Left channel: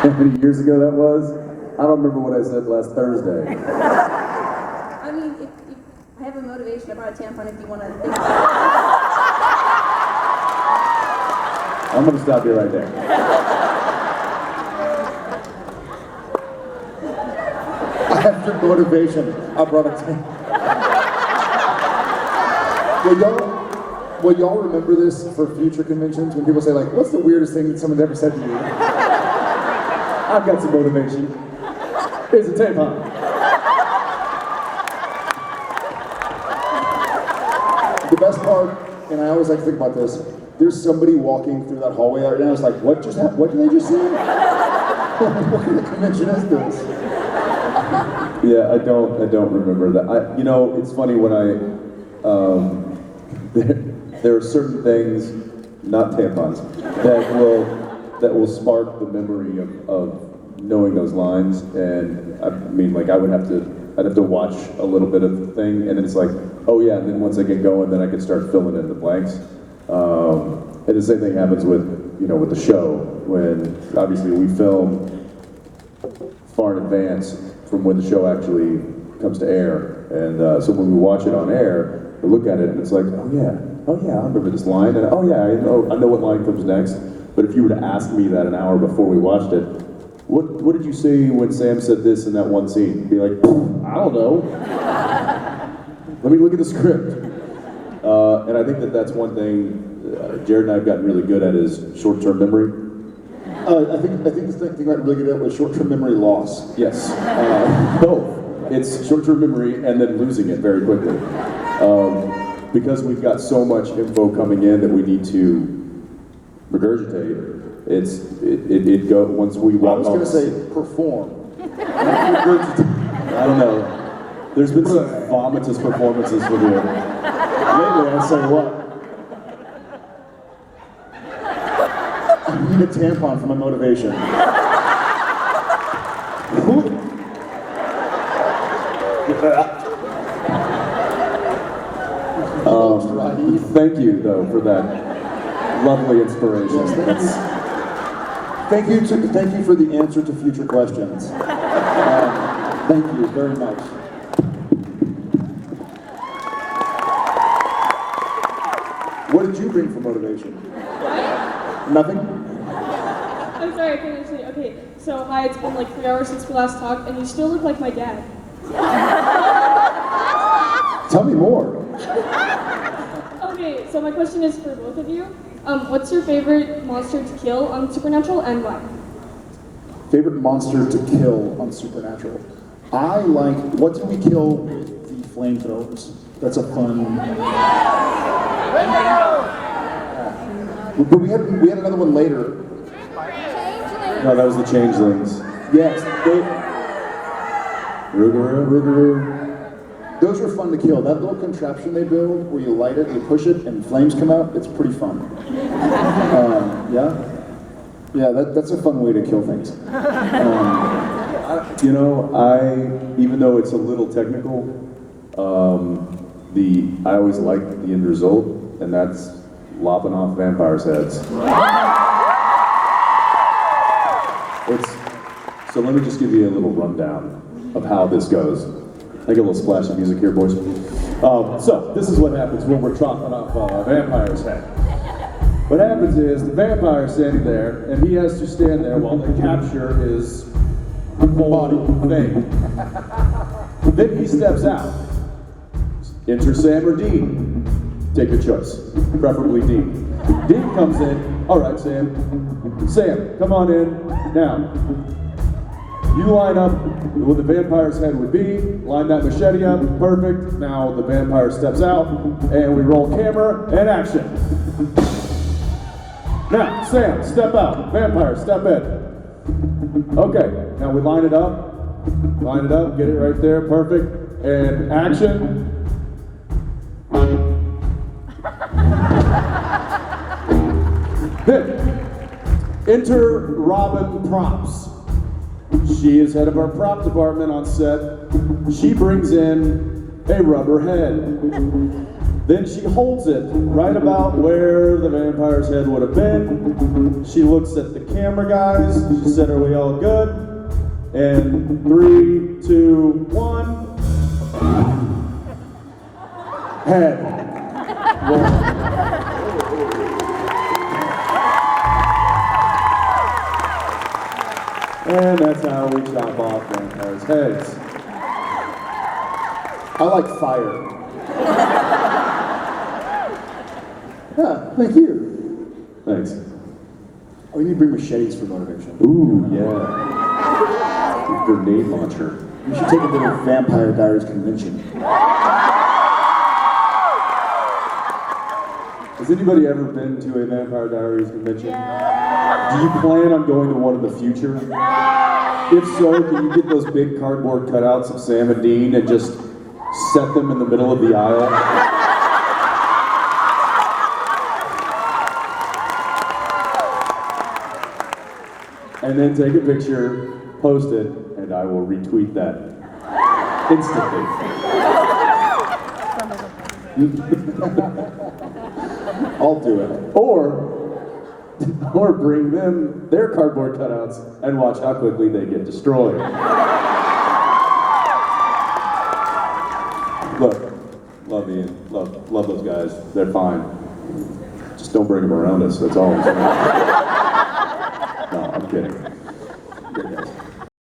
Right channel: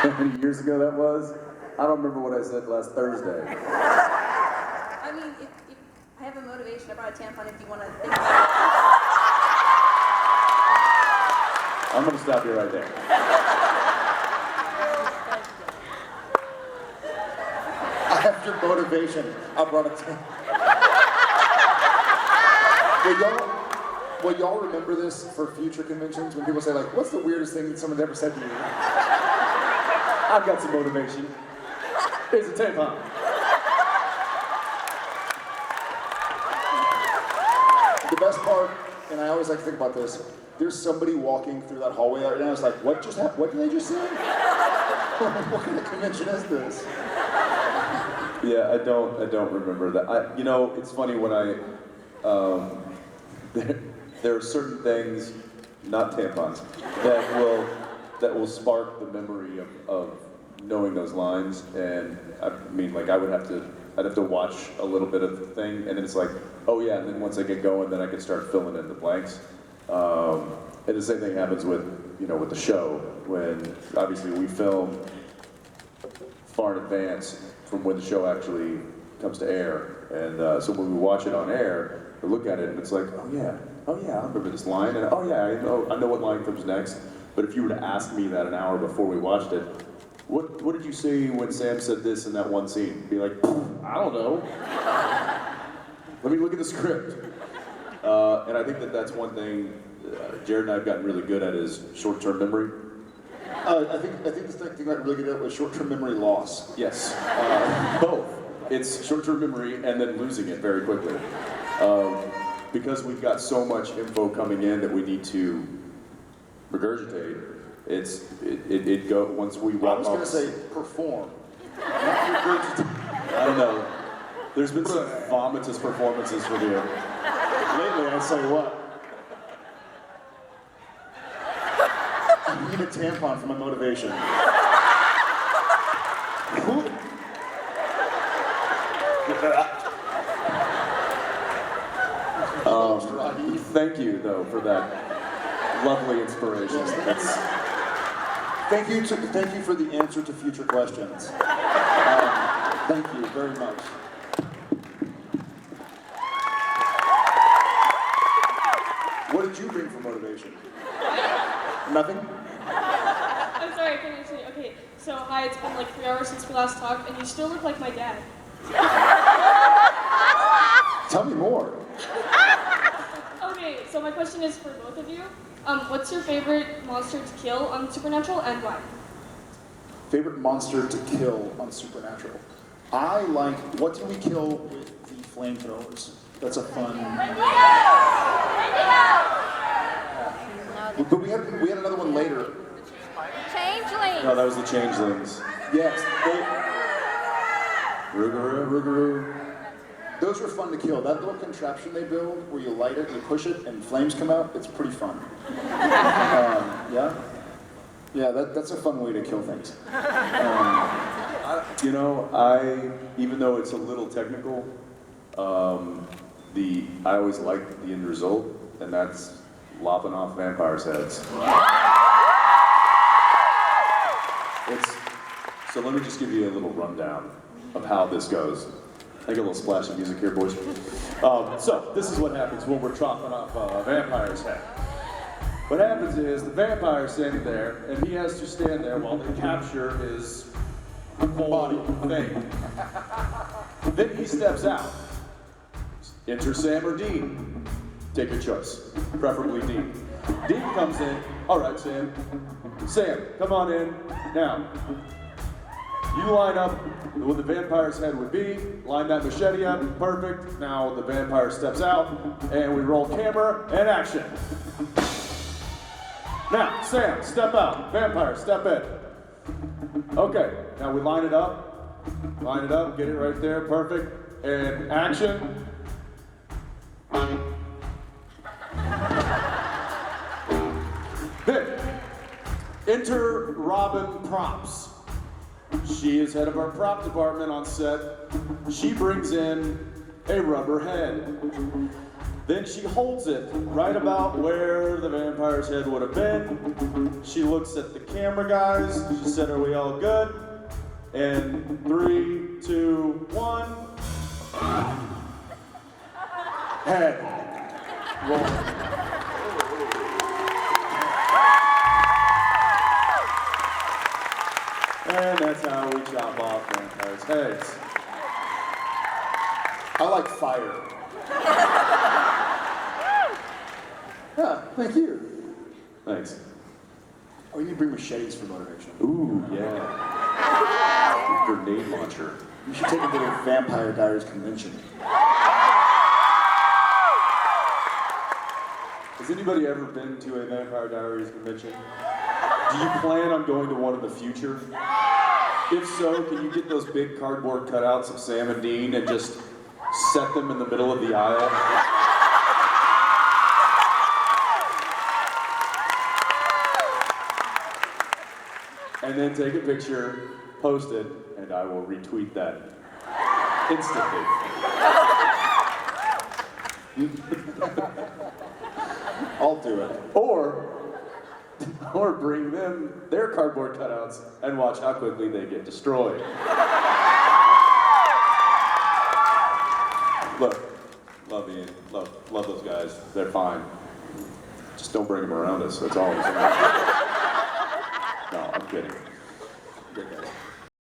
How many years ago that was? I don't remember what I said last Thursday. I mean, if I have a motivation, I brought a tampon if you want to think about it. I'm gonna stop you right there. After motivation, I brought a tampon. Will y'all remember this for future conventions when people say like, what's the weirdest thing that someone's ever said to you? I've got some motivation. Here's a tampon. The best part, and I always like to think about this, there's somebody walking through that hallway right now, it's like, what just happened? What did they just say? What kind of convention is this? Yeah, I don't remember that. You know, it's funny when there are certain things, not tampons, that will spark the memory of knowing those lines. And I mean, like I'd have to watch a little bit of the thing, and then it's like, oh yeah. And then once I get going, then I can start filling in the blanks. And the same thing happens with the show, when obviously we film far in advance from when the show actually comes to air. And so when we watch it on air, we look at it and it's like, oh yeah, I remember this line, and oh yeah, I know what line comes next. But if you were to ask me that an hour before we watched it, what did you say when Sam said this in that one scene? Be like, I don't know. Let me look at the script. And I think that's one thing Jared and I have gotten really good at is short-term memory. I think the thing I got really good at was short-term memory loss. Yes, both. It's short-term memory and then losing it very quickly. Because we've got so much info coming in that we need to regurgitate. It go once we walk. I was going to say perform. I don't know. There's been some vomitous performances with you. Lately, I say what? I need a tampon for my motivation. Thank you, though, for that lovely inspiration. Yes, thank you for the answer to future questions. Thank you very much. What did you bring for motivation? Nothing? I'm sorry, I couldn't understand you. Okay, so hi, it's been like 3 hours since we last talked, and you still look like my dad. Tell me more. Okay, so my question is for both of you. What's your favorite monster to kill on Supernatural, and why? Favorite monster to kill on Supernatural? I like, what did we kill with the flamethrowers? That's a fun... But we had another one later. Changeling. No, that was the Changelings. Yes, Rougarou. those were fun to kill. That little contraption they build where you light it, you push it, and flames come out, it's pretty fun. Yeah, that's a fun way to kill things. Even though it's a little technical, I always like the end result, and that's lopping off vampires' heads. So let me just give you a little rundown of how this goes. I get a little splash of music here, boys. So this is what happens when we're chopping off a vampire's head. What happens is the vampire's standing there, and he has to stand there while they capture his body thing. Then he steps out. Enter Sam or Dean. Take your choice. Preferably Dean. Dean comes in. All right, Sam. Sam, come on in. Now, you line up what the vampire's head would be. Line that machete up. Perfect. Now the vampire steps out, and we roll camera and action. Now, Sam, step out. Vampire, step in. Okay, now we line it up. Line it up, get it right there, perfect. And action. Then, enter Robin Props. She is head of our prop department on set. She brings in a rubber head. Then she holds it right about where the vampire's head would have been. She looks at the camera guys. She said, "Are we all good?" And 3, 2, 1. Head. And that's how we chop off vampires' heads. I like fire. Yeah, thank you. Thanks. Oh, you need to bring machetes for motivation. Ooh, yeah. Grenade launcher. We should take it to the Vampire Diaries convention. Has anybody ever been to a Vampire Diaries convention? Do you plan on going to one in the future? If so, can you get those big cardboard cutouts of Sam and Dean and just set them in the middle of the aisle? And then take a picture, post it, and I will retweet that instantly. I'll do it. Or bring them their cardboard cutouts and watch how quickly they get destroyed. Look, love those guys. They're fine. Just don't bring them around us. That's all I'm saying. No, I'm kidding.